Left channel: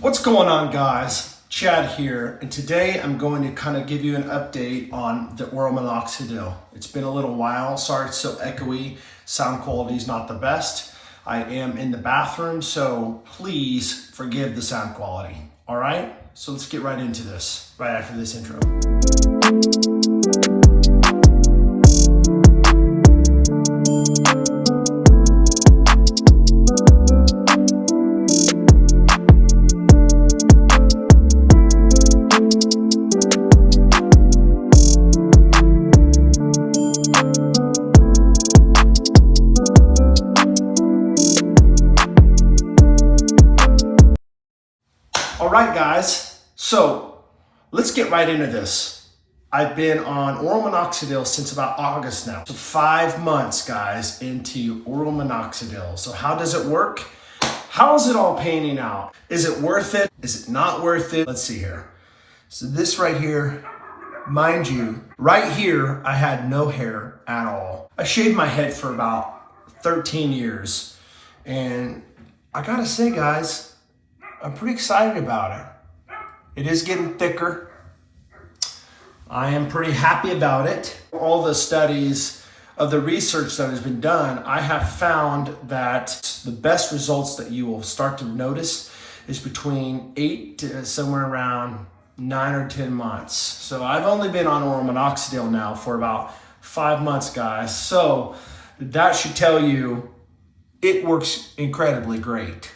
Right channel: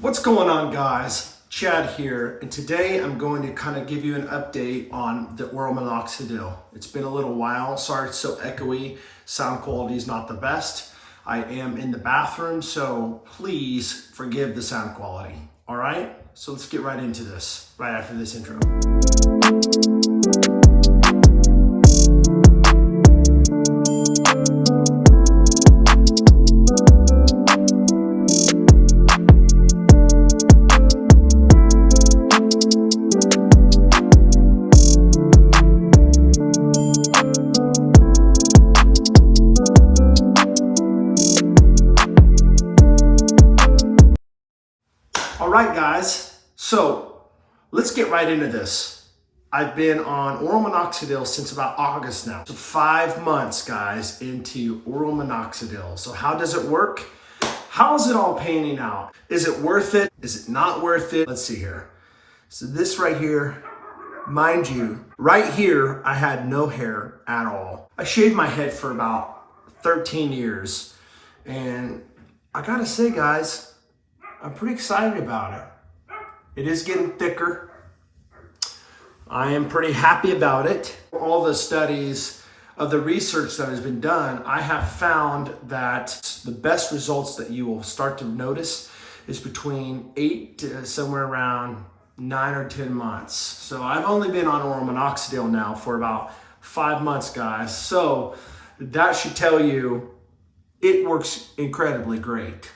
What's going on, guys? Chad here, and today I'm going to kind of give you an update on the oral minoxidil. It's been a little while. Sorry it's so echoey. Sound quality is not the best. I am in the bathroom, so please forgive the sound quality. All right? So let's get right into this, right after this intro. All right, guys, so let's get right into this. I've been on oral minoxidil since about August now. So 5 months, guys, into oral minoxidil. So how does it work? How is it all panning out? Is it worth it? Is it not worth it? Let's see here. So this right here, mind you, right here, I had no hair at all. I shaved my head for about 13 years. And I gotta say, guys, I'm pretty excited about it. It is getting thicker. I am pretty happy about it. All the studies of the research that has been done, I have found that the best results that you will start to notice is between 8 to somewhere around 9 or 10 months. So I've only been on oral minoxidil now for about 5 months, guys. So that should tell you it works incredibly great.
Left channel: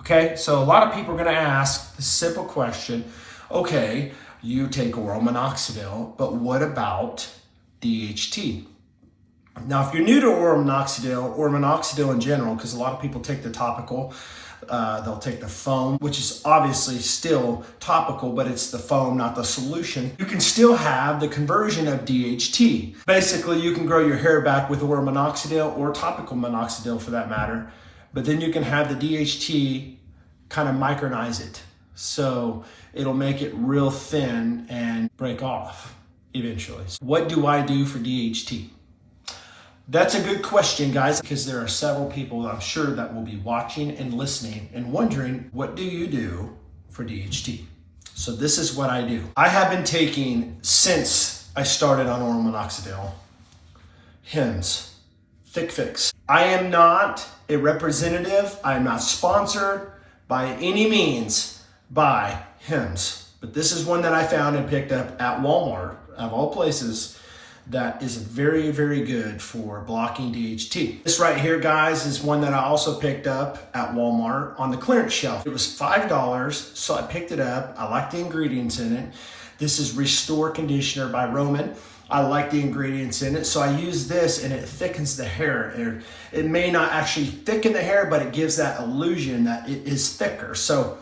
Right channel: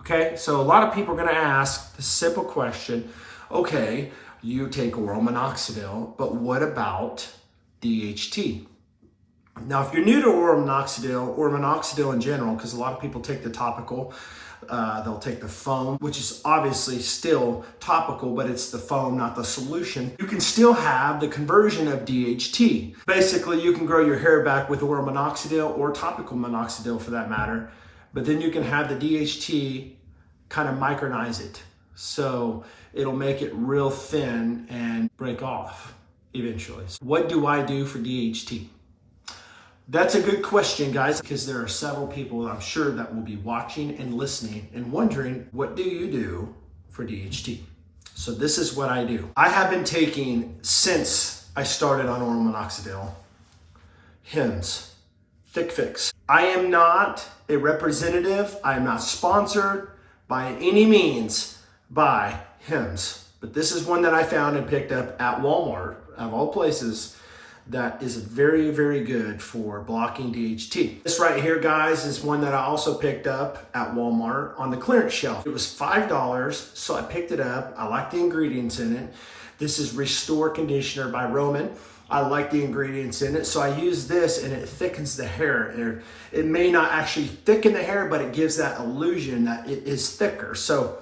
Okay, so a lot of people are gonna ask the simple question, okay, you take oral minoxidil, but what about DHT? Now, if you're new to oral minoxidil or minoxidil in general, because a lot of people take the topical, they'll take the foam, which is obviously still topical, but it's the foam, not the solution. You can still have the conversion of DHT. Basically, you can grow your hair back with oral minoxidil or topical minoxidil for that matter, but then you can have the DHT kind of micronize it. So it'll make it real thin and break off eventually. What do I do for DHT? That's a good question, guys, because there are several people I'm sure that will be watching and listening and wondering, what do you do for DHT? So this is what I do. I have been taking, since I started on oral minoxidil, Hims, Thick Fix. I am not a representative. I am not sponsored by any means by Hims. But this is one that I found and picked up at Walmart, of all places, that is very, very good for blocking DHT. This right here, guys, is one that I also picked up at Walmart on the clearance shelf. It was $5, so I picked it up. I like the ingredients in it. This is Restore Conditioner by Roman. I like the ingredients in it, so I use this and it thickens the hair. It may not actually thicken the hair, but it gives that illusion that it is thicker. So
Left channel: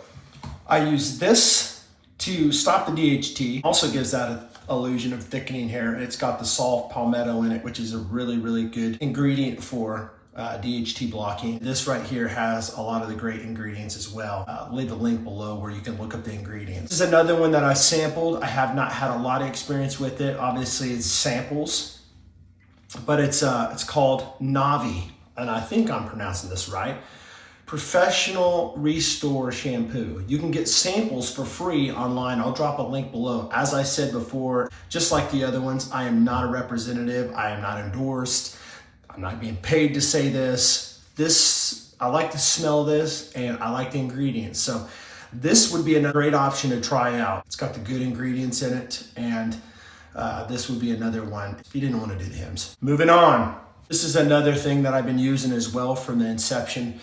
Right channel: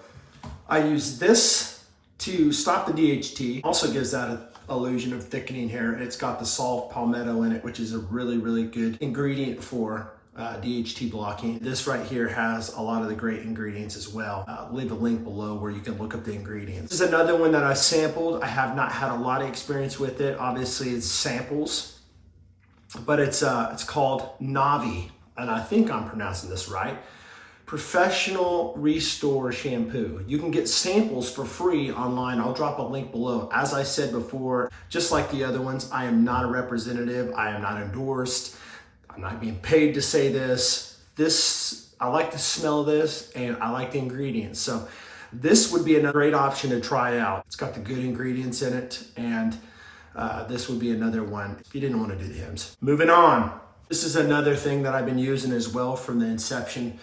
I use this to stop the DHT. Also gives that illusion of thickening hair. It's got the soft palmetto in it, which is a really, really good ingredient for DHT blocking. This right here has a lot of the great ingredients as well. Leave a link below where you can look up the ingredients. This is another one that I sampled. I have not had a lot of experience with it. Obviously it's samples, but it's called Navi, and I think I'm pronouncing this right. Professional Restore Shampoo. You can get samples for free online. I'll drop a link below. As I said before, just like the other ones, I am not a representative. I am not endorsed. I'm not being paid to say this. I like the smell of this and I like the ingredients. So this would be a great option to try out. It's got the good ingredients in it, and this would be another one if you didn't want to do the Hims. Moving on. This is another thing that I've been using as well from the inception.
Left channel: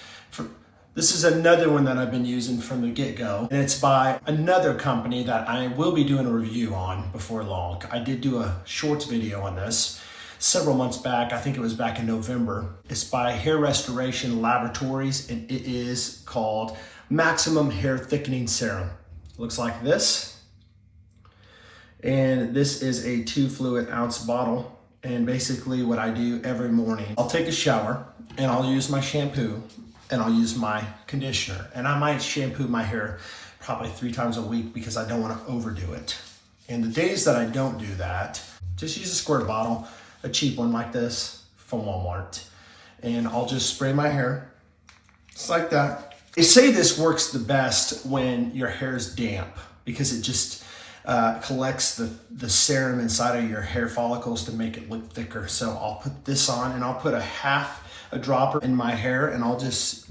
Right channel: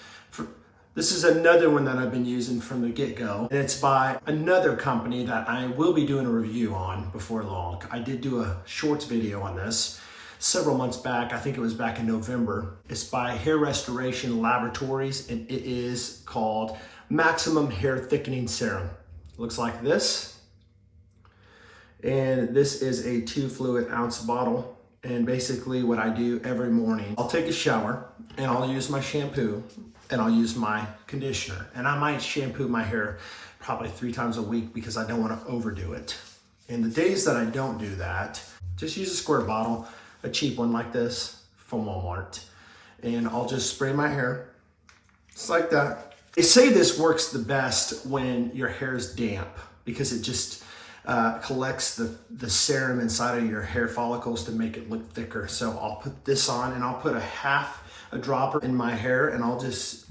This is another one that I've been using from the get-go, and it's by another company that I will be doing a review on before long. I did do a shorts video on this several months back. I think it was back in November. It's by Hair Restoration Laboratories, and it is called Maximum Hair Thickening Serum. It looks like this. And this is a 2 fluid ounce bottle. And basically what I do every morning, I'll take a shower and I'll use my shampoo and I'll use my conditioner. And I might shampoo my hair probably 3 times a week because I don't want to overdo it. And the days that I don't do that, just use a squirt bottle, a cheap one like this from Walmart. And I'll just spray my hair just like that. They say this works the best when your hair is damp because it just collects the serum inside of your hair follicles to make it look thicker. So I'll put this on and I'll put a dropper in my hair and I'll just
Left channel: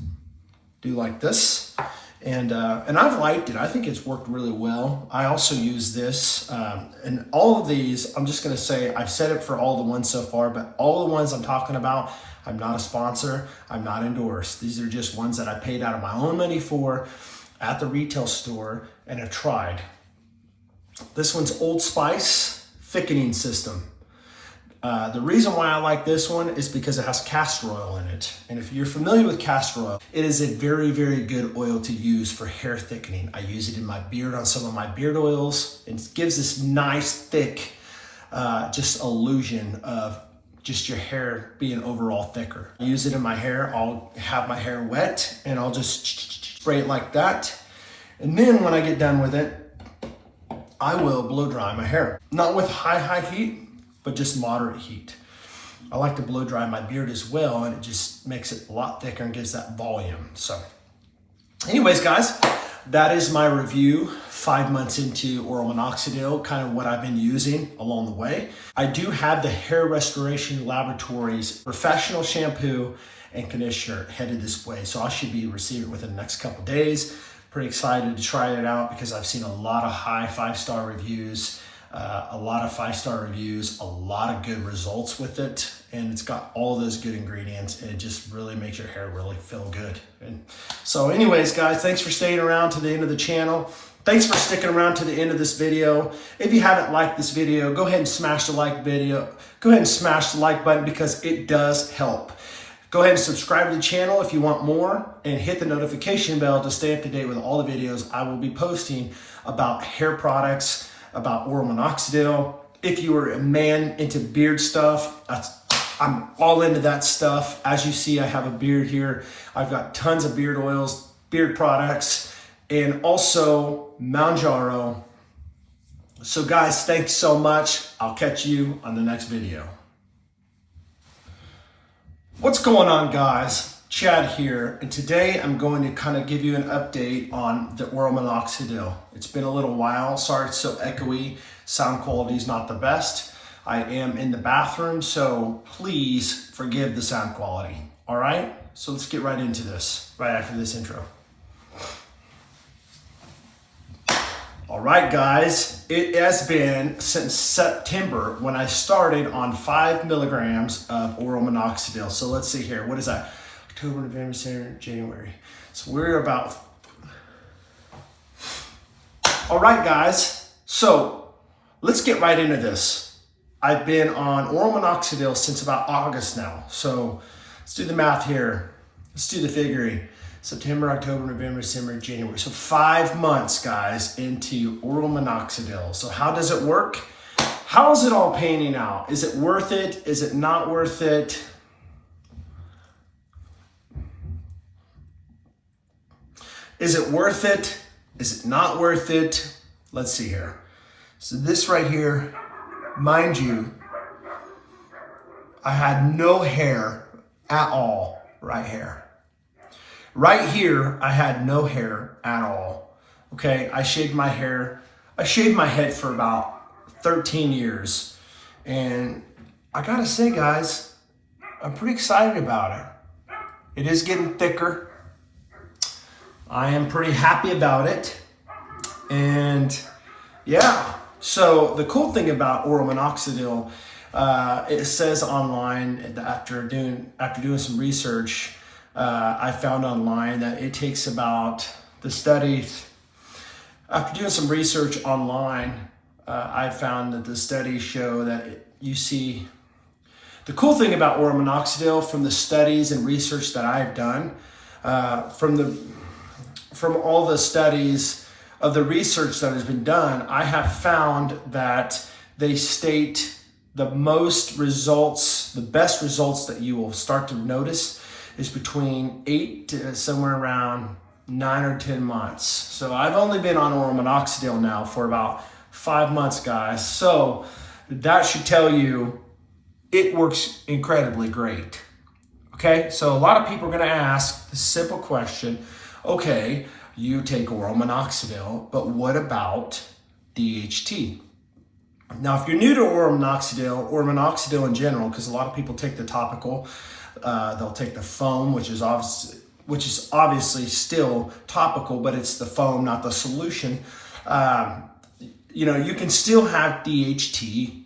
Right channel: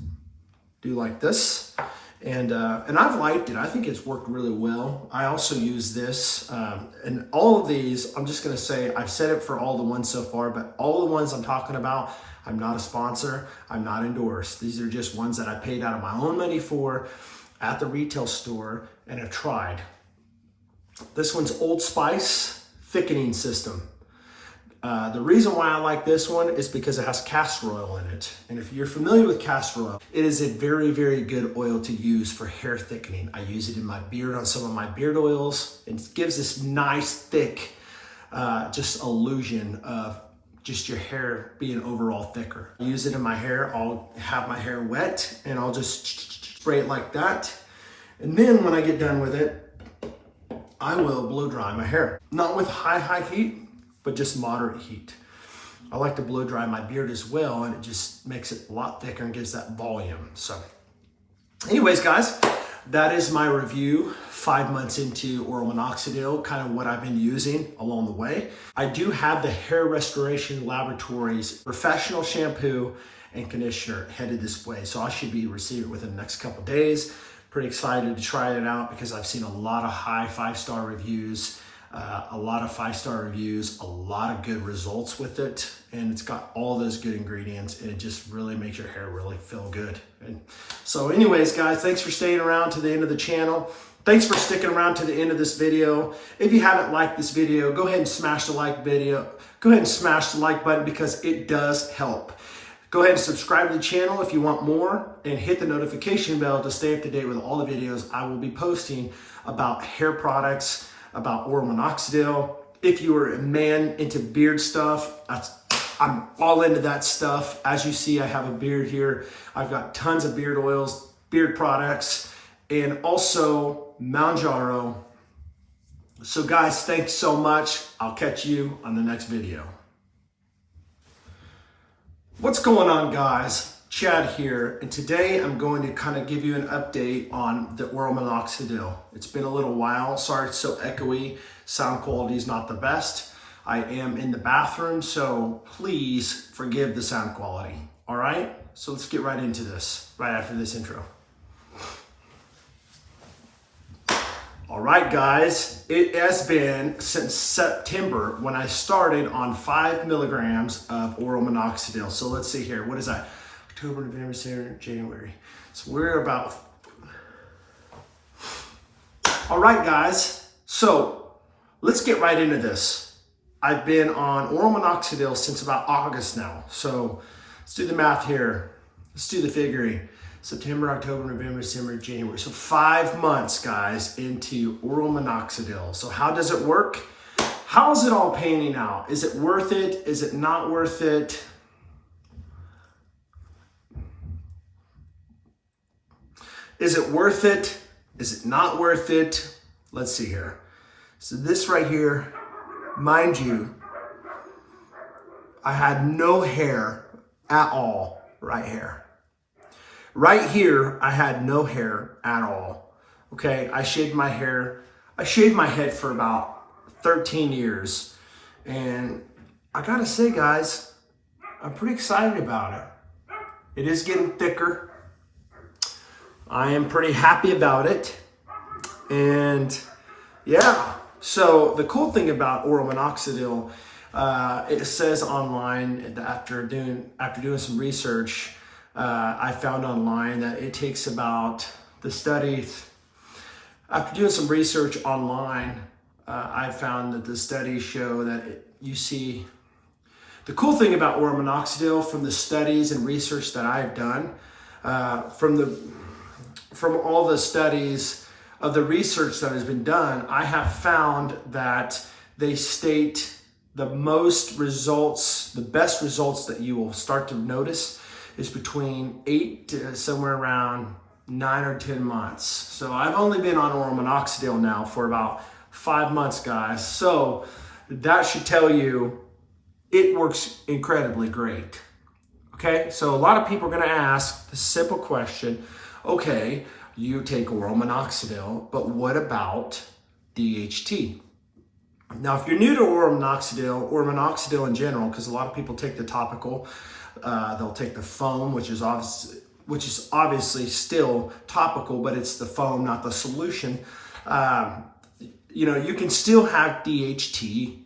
do like this. And I've liked it. I think it's worked really well. I also use this and all of these, I'm just gonna say, I've said it for all the ones so far, but all the ones I'm talking about, I'm not a sponsor, I'm not endorsed. These are just ones that I paid out of my own money for at the retail store and have tried. This one's Old Spice thickening system. The reason why I like this one is because it has castor oil in it. And if you're familiar with castor oil, it is a very, very good oil to use for hair thickening. I use it in my beard on some of my beard oils. It gives this nice, thick, just illusion of just your hair being overall thicker. I use it in my hair. I'll have my hair wet and I'll just spray it like that. And then when I get done with it, I will blow dry my hair. Not with high heat, but just moderate heat. I like to blow dry my beard as well, and it just makes it a lot thicker and gives that volume. So anyways, guys, that is my review 5 months into oral minoxidil, kind of what I've been using along the way. I do have the Hair Restoration Laboratories professional shampoo and conditioner headed this way. So I should be receiving it within the next couple days. Pretty excited to try it out because I've seen a lot of high 5-star reviews, a lot of good results with it. And it's got all those good ingredients and it just really makes your hair really feel good. And so anyways, guys, thanks for staying around to the end of the channel. Thanks for sticking around to the end of this video. If you haven't liked this video, go ahead and smash the like button because it does help. Go ahead and subscribe to the channel if you want more and hit the notification bell to stay up to date with all the videos I will be posting about hair products, about oral minoxidil. If you are a man into beard stuff, I'm all into that stuff. As you see, I have a beard here. I've got tons of beard oils, beard products, and also Manjaro. So guys, thanks so much. I'll catch you on the next video. What's going on, guys? Chad here, and today I'm going to kind of give you an update on the oral minoxidil. It's been a little while. Sorry it's so echoey. Sound quality is not the best. I am in the bathroom, so please forgive the sound quality. All right? So let's get right into this, right after this intro. All right, guys, it has been since September when I started on 5 milligrams of oral minoxidil. So let's see here. What is that? October, November, December, January. So we're about... All right, guys. So let's get right into this. I've been on oral minoxidil since about August now. So let's do the math here. Let's do the figuring. September, October, November, December, January. So 5 months, guys, into oral minoxidil. So how does it work? How's it all panning out? Is it worth it? Is it not worth it? Is it worth it? Is it not worth it? Let's see here. So this right here, mind you, I had no hair at all right here. Right here, I had no hair at all. Okay, I shaved my hair. I shaved my head for about 13 years. And I gotta say, guys, I'm pretty excited about it. It is getting thicker. I am pretty happy about it. And yeah, so the cool thing about oral minoxidil, it says online after doing some research, I found online that it takes about the studies. After doing some research online, I found that the studies show that you see the cool thing about oral minoxidil from the studies and research that I've done, from all the studies of the research that has been done, I have found that they state the best results that you will start to notice is between 8 to somewhere around 9 or 10 months. So I've only been on oral minoxidil now for about 5 months, guys. So that should tell you it works incredibly great. Okay, so a lot of people are gonna ask the simple question, Okay, you take oral minoxidil, but what about DHT? Now, if you're new to oral minoxidil or minoxidil in general, because a lot of people take the topical, they'll take the foam, which is obviously still topical, but it's the foam, not the solution. You can still have DHT.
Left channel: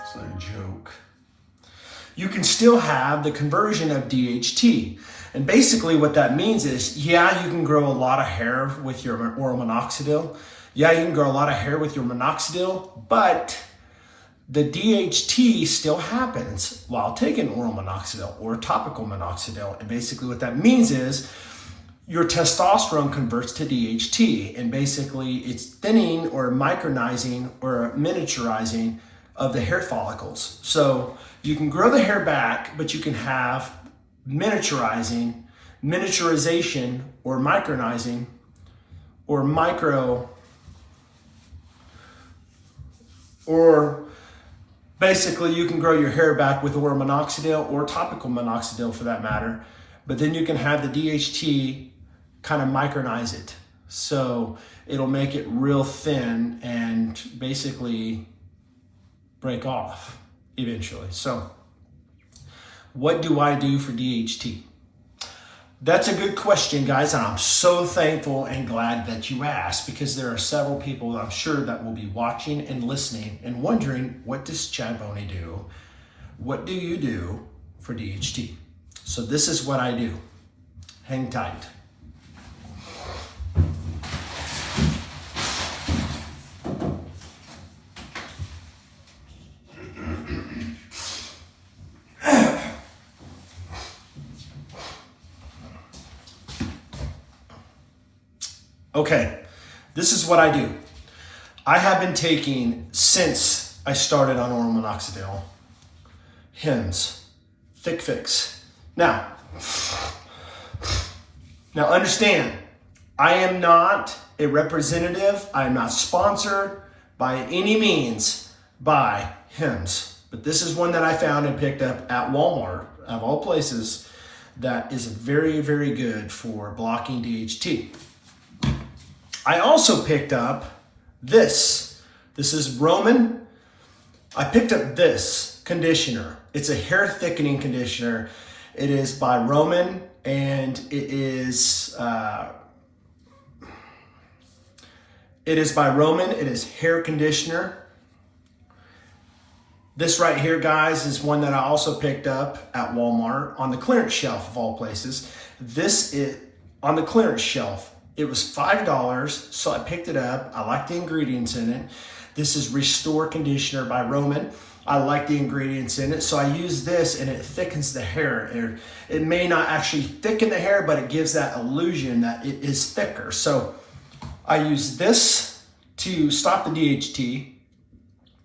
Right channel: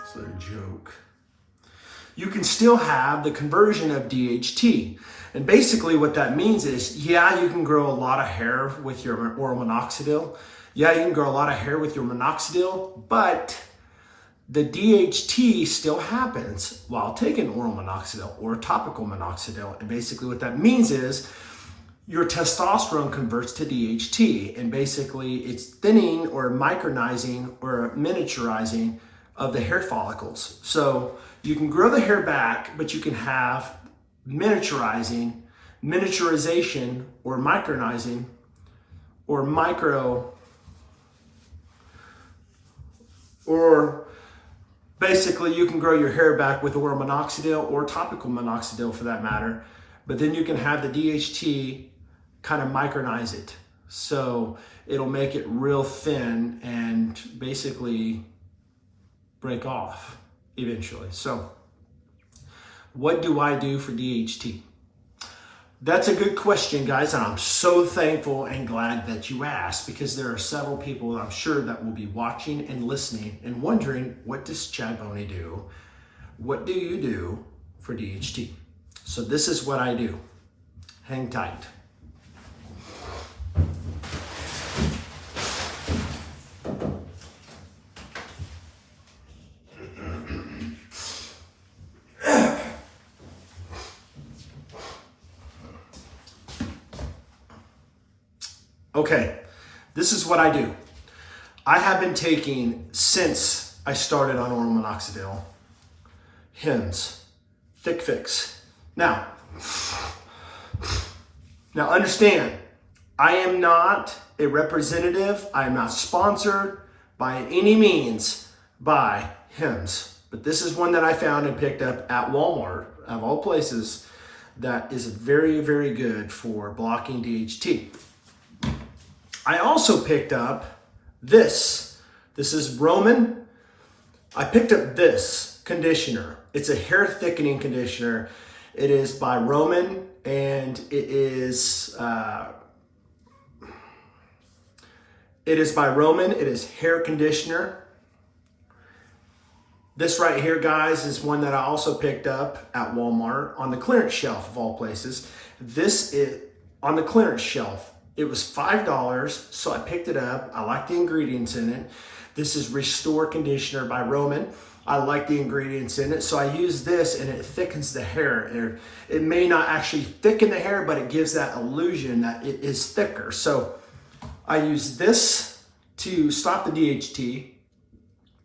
It's a joke. You can still have the conversion of DHT. And basically what that means is, yeah, you can grow a lot of hair with your oral minoxidil. Yeah, you can grow a lot of hair with your minoxidil, but the DHT still happens while taking oral minoxidil or topical minoxidil. And basically what that means is your testosterone converts to DHT, and basically it's thinning or micronizing or miniaturizing of the hair follicles. So you can grow the hair back, but you can have miniaturization, or micronizing, or basically you can grow your hair back with oral minoxidil or topical minoxidil for that matter, but then you can have the DHT kind of micronize it. So it'll make it real thin and basically break off eventually. So what do I do for DHT? That's a good question, guys, and I'm so thankful and glad that you asked, because there are several people I'm sure that will be watching and listening and wondering, what does Chad Boney do? What do you do for DHT? So this is what I do. Hang tight. Okay, this is what I do. I have been taking, since I started on oral minoxidil, Hims, Thick Fix. Now understand, I am not a representative. I am not sponsored by any means by Hims, but this is one that I found and picked up at Walmart, of all places, that is very, very good for blocking DHT. I also picked up this. This is Roman. I picked up this conditioner. It's a hair thickening conditioner. It is by Roman, and it is by Roman. It is hair conditioner. This right here, guys, is one that I also picked up at Walmart on the clearance shelf of all places. This is on the clearance shelf. It was $5, so I picked it up. I like the ingredients in it. This is Restore Conditioner by Roman. I like the ingredients in it, so I use this, and it thickens the hair. It may not actually thicken the hair, but it gives that illusion that it is thicker. So I use this to stop the DHT,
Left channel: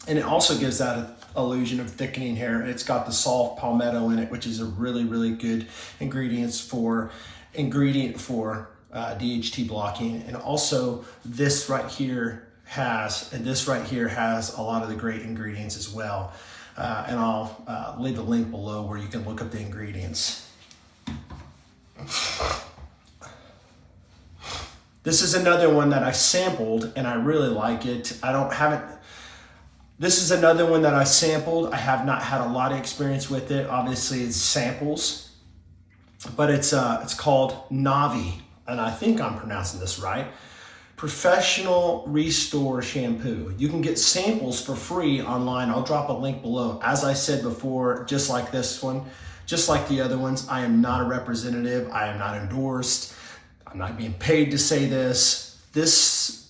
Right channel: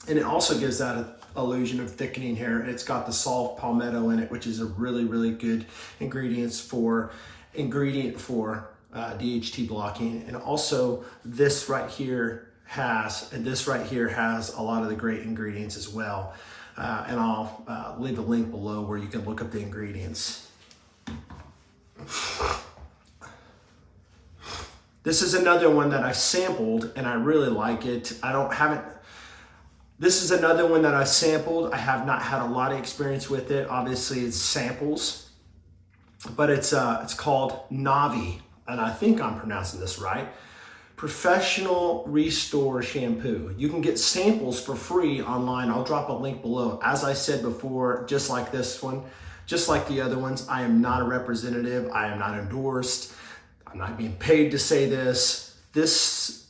and it also gives that illusion of thickening hair. It's got the soft palmetto in it, which is a really, really good ingredient for DHT blocking. And also this right here has a lot of the great ingredients as well. And I'll leave a link below where you can look up the ingredients. This is another one that I sampled and I really like it. This is another one that I sampled. I have not had a lot of experience with it. Obviously it's samples, but it's called Navi. And I think I'm pronouncing this right, Professional Restore Shampoo. You can get samples for free online. I'll drop a link below. As I said before, just like this one, just like the other ones, I am not a representative. I am not endorsed. I'm not being paid to say this.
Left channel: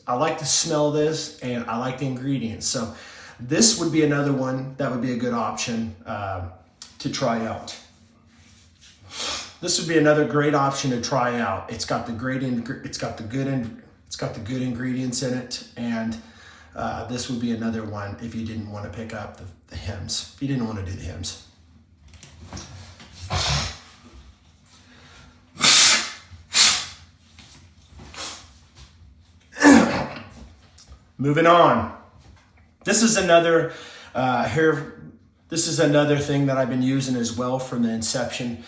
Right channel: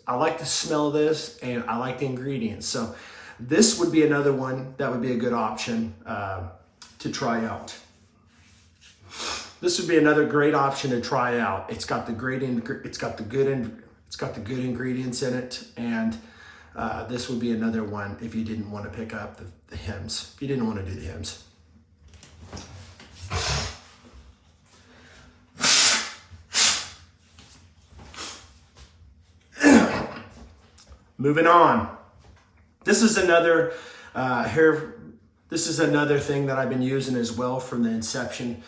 I like the smell of this, and I like the ingredients. So this would be another one that would be a good option to try out. This would be another great option to try out. It's got the good ingredients in it, and this would be another one if you didn't want to pick up the Hims. If you didn't want to do the Hims. Moving on. This is another This is another thing that I've been using as well from the inception.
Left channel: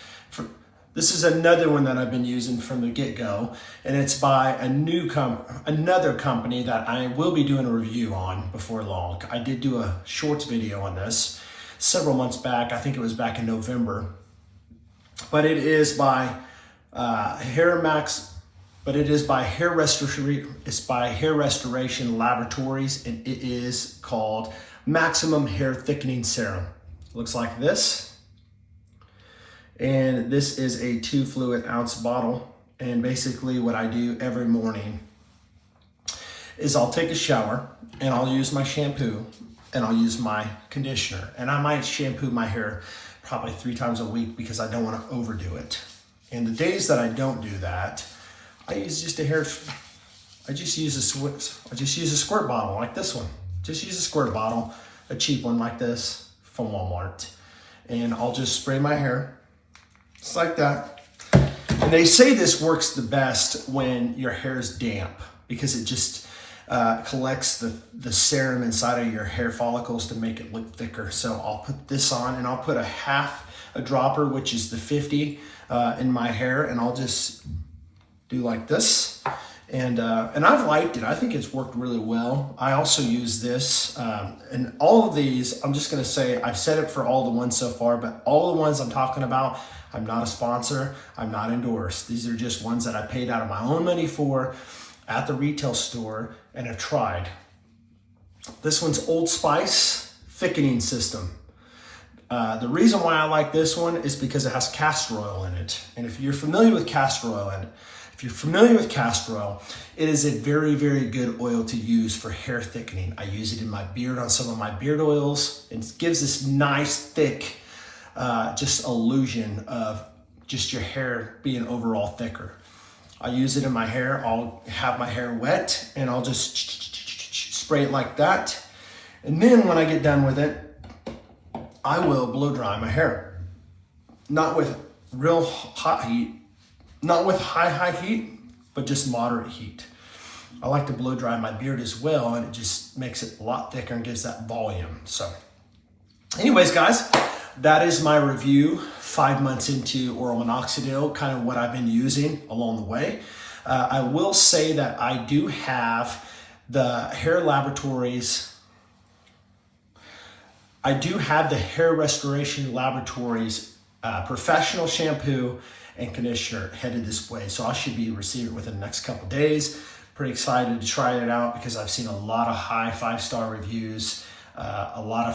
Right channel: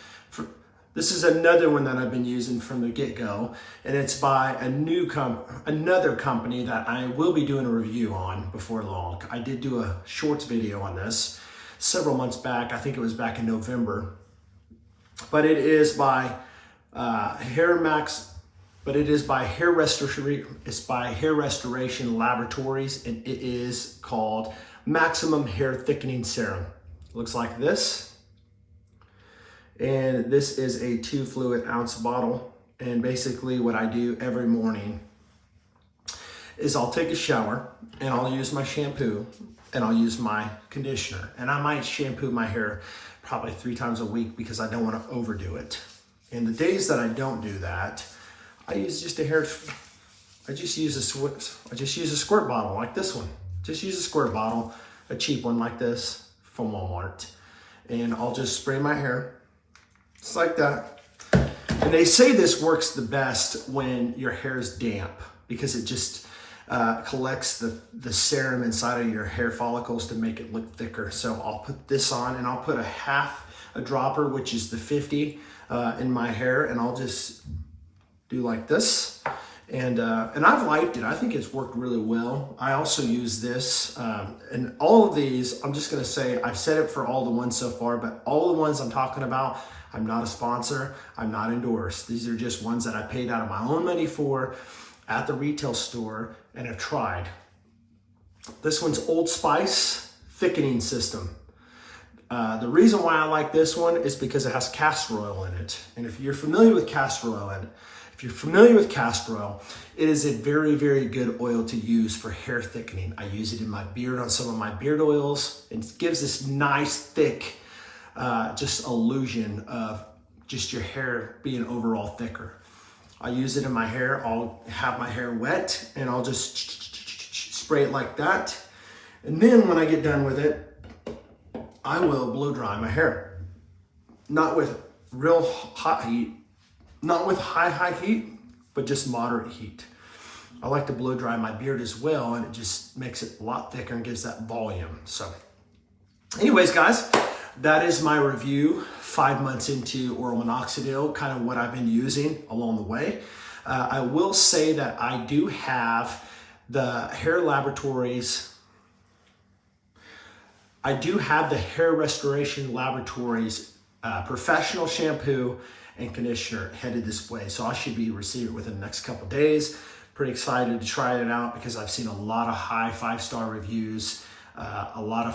This is another one that I've been using from the get-go, and it's by another company that I will be doing a review on before long. I did do a shorts video on this several months back. I think it was back in November, but it is by Hair Restoration Laboratories, and it is called Maximum Hair Thickening Serum. Looks like this. And this is a 2 fluid ounce bottle. And basically what I do every morning is I'll take a shower and I'll use my shampoo and I'll use my conditioner. And I might shampoo my hair probably 3 times a week because I don't want to overdo it. And the days that I don't do that, I just use a squirt bottle like this one. Just use a squirt bottle, a cheap one like this from Walmart. And I'll just spray my hair. Just like that. And they say this works the best when your hair is damp because it just collects the serum inside of your hair follicles to make it look thicker. So I'll put this on and I'll put a dropper, which is the 50 in my hair, and I'll just do like this. And I've liked it. I think it's worked really well. I also use this, and all of these, I'm just gonna say, I've said it for all the ones so far, but all the ones I'm talking about, I'm not a sponsor, I'm not endorsed. These are just ones that I paid out of my own money for at the retail store and have tried. This one's Old Spice Thickening System. The reason why I like this one is because it has castor oil in it. And if you're familiar with castor oil, it is a very, very good oil to use for hair thickening. I use it in my beard on some of my beard oils. It gives this nice, thick, just illusion of just your hair being overall thicker. I use it in my hair. I'll have my hair wet and I'll just spray it like that. And then when I get done with it, I will blow dry my hair. Not with real hot heat, not with high heat, but just moderate heat. I like to blow dry my beard as well, and it just makes it a lot thicker and gives that volume. So anyways, guys, that is my review 5 months into oral minoxidil, kind of what I've been using along the way. I will say that I do have the Hair Restoration Laboratories professional shampoo and conditioner headed this way. So I should be receiving it within the next couple days. Pretty excited to try it out because I've seen a lot of high 5-star reviews, a lot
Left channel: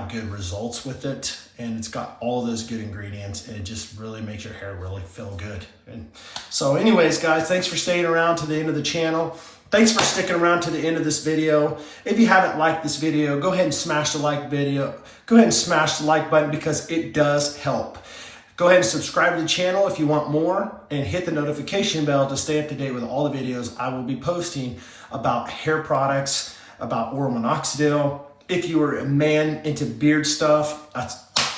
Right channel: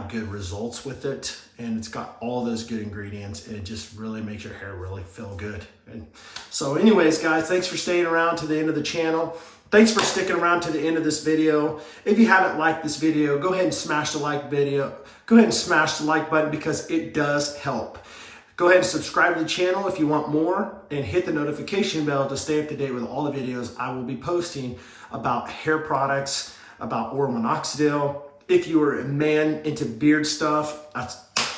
of good results with it. And it's got all those good ingredients and it just really makes your hair really feel good. And so anyways, guys, thanks for staying around to the end of the channel. Thanks for sticking around to the end of this video. If you haven't liked this video, go ahead and smash the like button because it does help. Go ahead and subscribe to the channel if you want more and hit the notification bell to stay up to date with all the videos I will be posting about hair products, about oral minoxidil. If you are a man into beard stuff,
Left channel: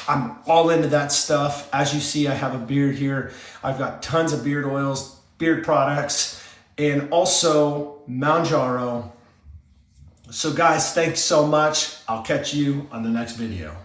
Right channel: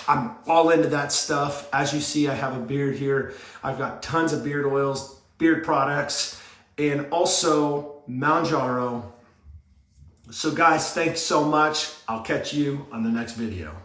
I'm all into that stuff. As you see, I have a beard here. I've got tons of beard oils, beard products, and also Manjaro. So guys, thanks so much. I'll catch you on the next video.